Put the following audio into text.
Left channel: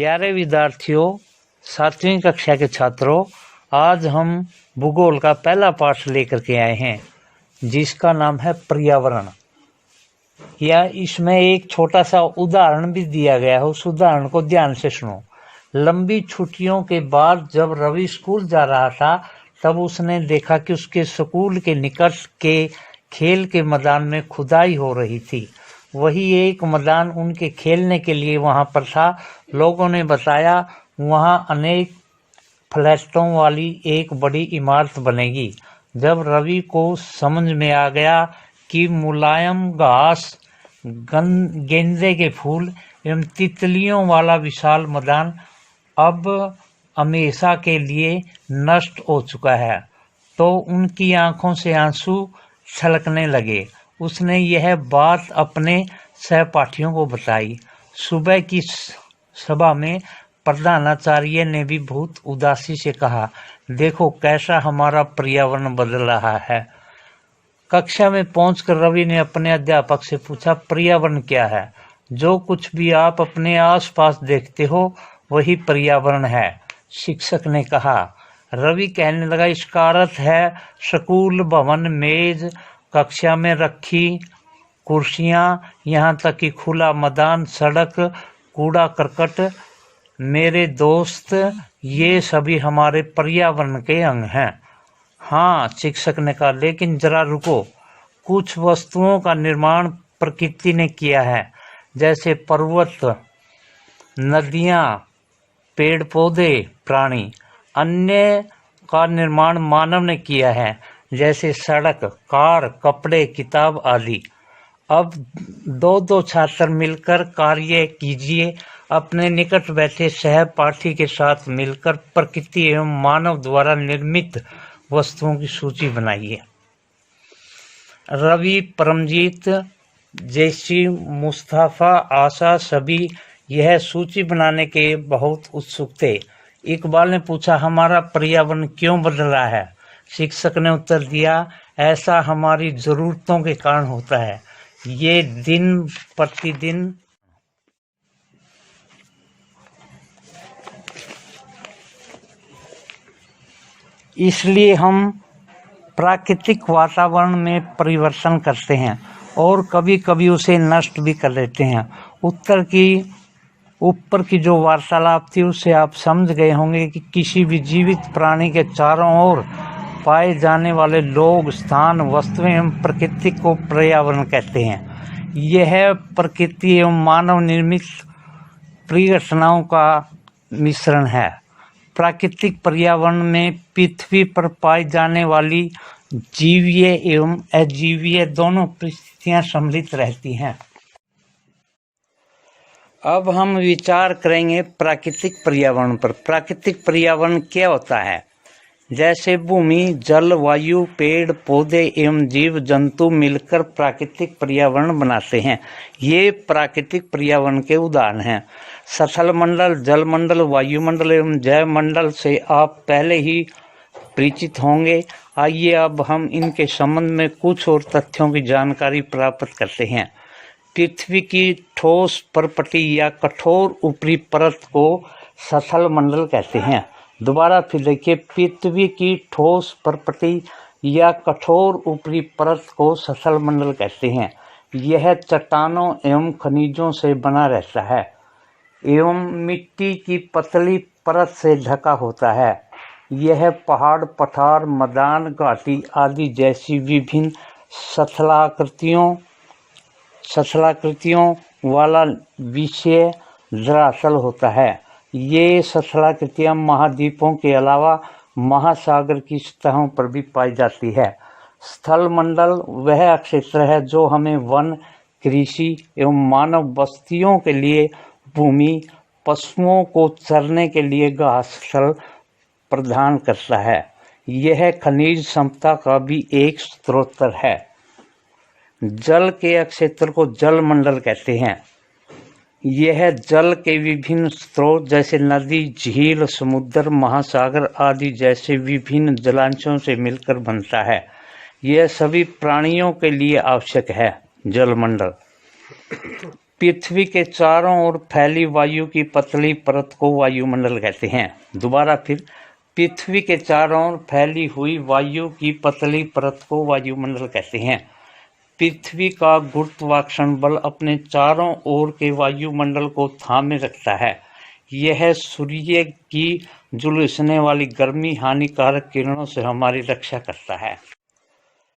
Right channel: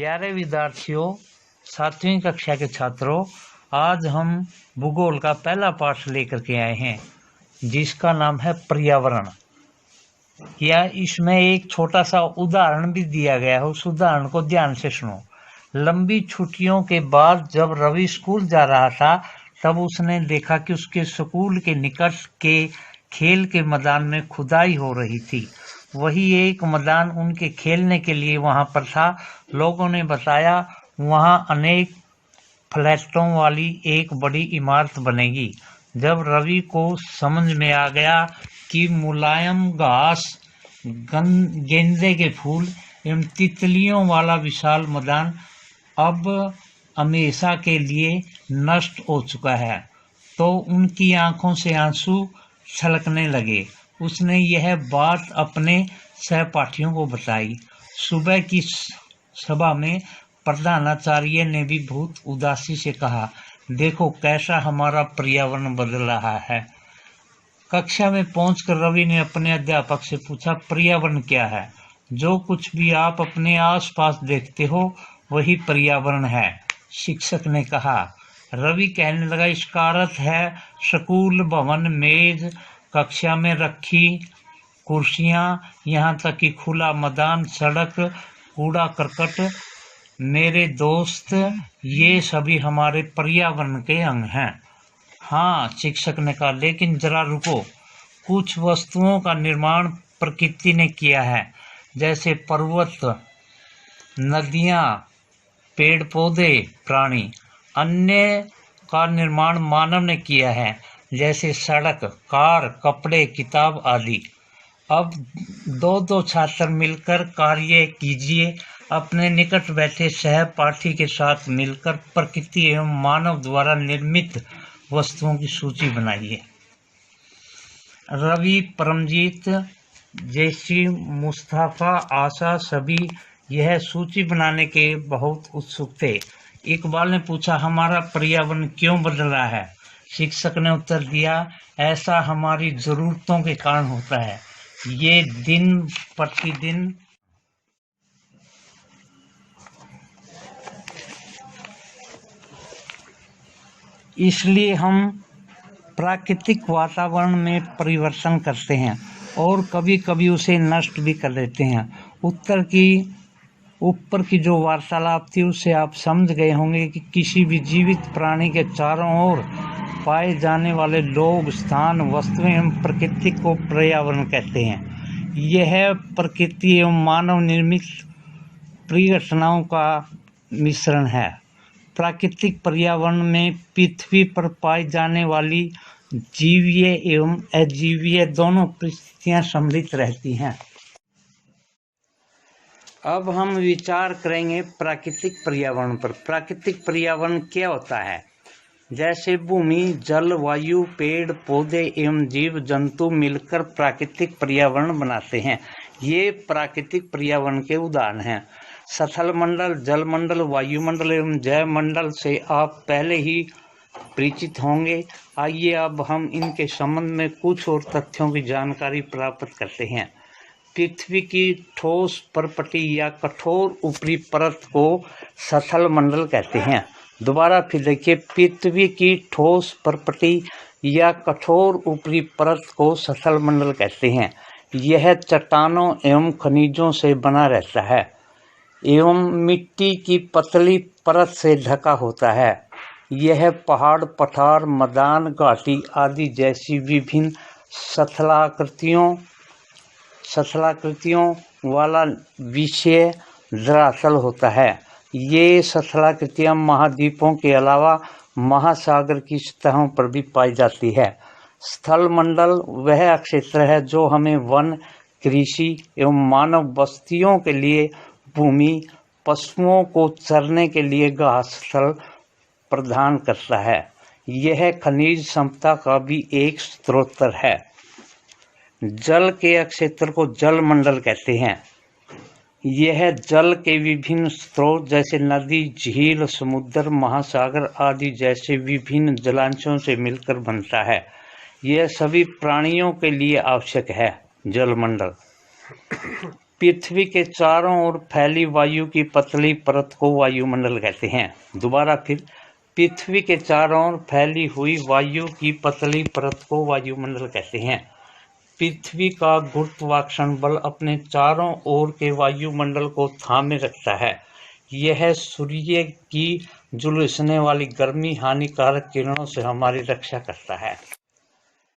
प्यारे विद्यार्थियों, 7वीं कक्षा के छात्रों, आज हम भूगोल का पहला पाठ लेकर के आए हैं जिसका नाम है पर्यावरण। या इसमें एक छोटा सा उदाहरण भी दिया गया है, उस उदाहरण को ध्यान से सुनो। लंबी छुट्टियों के बाद जब रवि स्कूल जा रहा था तब उसने देखा कि उसके स्कूल के निकट के खेल के मैदान में खुदाई हो रही थी। वही एक मैदान उनके खेलने के लिए वहां पर था। लोगों ने बताया वहां अनेक फ्लैटों वाली एक बड़ी इमारत बनेगी। जब रवि को समझ में आ गया कि मुलायम घास, गेंदे के फूल एवं तितलियों वाला विशाल मैदान अब हमेशा के लिए नष्ट हो चुका है, तो उनकी आंखों से आंसू छलकने लगे। उसने यह बात अपने सहपाठियों को बताई। सुबह की सभा में प्रधानाचार्य ने भी बहुत उदासी से कहा, देखो कैसा हमारा पर्यावरण बदल रहा है। कक्षा में पहुंचकर रवि ने अपने अध्यापक से पूछा, पर्यावरण क्या है? जो कुछ भी आप अपने आसपास देखते हो वही पर्यावरण है, शिक्षक ने कहा। रवि कहने लगा, इसका अर्थ है स्कूल भवन, मेज, कक्षा में रखी कुर्सियां, यहाँ तक कि खुला मैदान, सड़क, कूड़ा करकट। मेरे दोस्त, ये सभी हमारे पर्यावरण के अंग हैं। हाँ, शिक्षक ने कहा, लेकिन जरा रुको। कुछ वस्तुओं का निर्माण प्रकृति ने किया है, जैसे पर्वत, नदियाँ, पेड़ पौधे, प्राणी। अन्य का निर्माण मानव ने किया है, जैसे सड़क, कार, कपड़े, किताब आदि। अब दो छात्र मिलकर कार्य कीजिए। अपने निकट बैठे सहपाठी के साथ मिलकर प्रकृति एवं मानव द्वारा निर्मित वस्तुओं की सूची बनाइए। रवि, परमजीत, जैसी, मुस्तफा, आशा सभी यह सूची बनाने के बहुत उत्सुक थे। इकबाल ने पूछा, हमारा पर्यावरण क्यों बदल रहा है? शिक्षक ने उत्तर दिया, ऐसा हमारी जरूरतों के कारण होता है। ये दिन प्रतिदिन इसलिए हम प्राकृतिक वातावरण में परिवर्तन करते हैं और कभी कभी उसे नष्ट भी कर देते हैं। ऊपर की जो वार्तालाप थी उससे आप समझ गए होंगे कि किसी भी जीवित प्राणी के चारों ओर पाए जाने वाले लोग, स्थान, वस्तुएं एवं प्रकृति को पर्यावरण कहते हैं। यह प्रकृति एवं मानव निर्मित परिघटनाओं का मिश्रण है। प्राकृतिक पर्यावरण में पृथ्वी पर पाई जाने वाली जीवीय एवं अजीवीय दोनों परिस्थितियां सम्मिलित रहती हैं। अब हम विचार करेंगे प्राकृतिक पर्यावरण पर। प्राकृतिक पर्यावरण क्या होता है? जैसे भूमि, जल, वायु, पेड़ पौधे एवं जीव जंतु मिलकर प्राकृतिक पर्यावरण बनाते हैं। ये प्राकृतिक पर्यावरण के उदाहरण हैं। स्थल मंडल, जल मंडल, वायुमंडल एवं जैव मंडल से आप पहले ही परिचित होंगे। आइए अब हम इनके संबंध में कुछ और तथ्यों की जानकारी प्राप्त करते हैं। पृथ्वी की ठोस परपटी या कठोर ऊपरी परत को स्थल मंडल कहते हैं। दोबारा फिर देखिए, पृथ्वी की ठोस परपटी या कठोर ऊपरी परत को स्थल मंडल कहते हैं। यह चट्टानों एवं खनिजों से बना रहता है एवं मिट्टी की पतली परत से ढका होता है। यह पहाड़, पठार, मैदान, घाटी आदि जैसी विभिन्न स्थलाकृतियों वाला विषय धरातल होता है। ये स्थलाकृतियाँ महाद्वीपों के अलावा महासागर की सतहों पर भी पाई जाती है। स्थल मंडल वह क्षेत्र है जो हमें वन, कृषि एवं मानव बस्तियों के लिए भूमि, पशुओं को चरने के लिए घास स्थल प्रदान करता है। यह खनिज संपदा का भी एक स्रोत है। जल के क्षेत्र को जल मंडल कहते हैं। यह जल के विभिन्न स्रोत जैसे नदी, झील, समुद्र, महासागर आदि जैसे विभिन्न जलांशों से मिलकर बनता है। यह सभी प्राणियों के लिए आवश्यक है। जल मंडल पृथ्वी के चारों ओर फैली वायु की पतली परत को वायुमंडल कहते हैं। दोबारा फिर, पृथ्वी के चारों ओर फैली हुई वायु की पतली परत को वायुमंडल कहते हैं। पृथ्वी का गुरुत्वाकर्षण बल अपने चारों ओर के वायुमंडल को थामे रखता है। यह सूर्य की झुलसने वाली गर्मी हानिकारक किरणों से हमारी रक्षा करता है।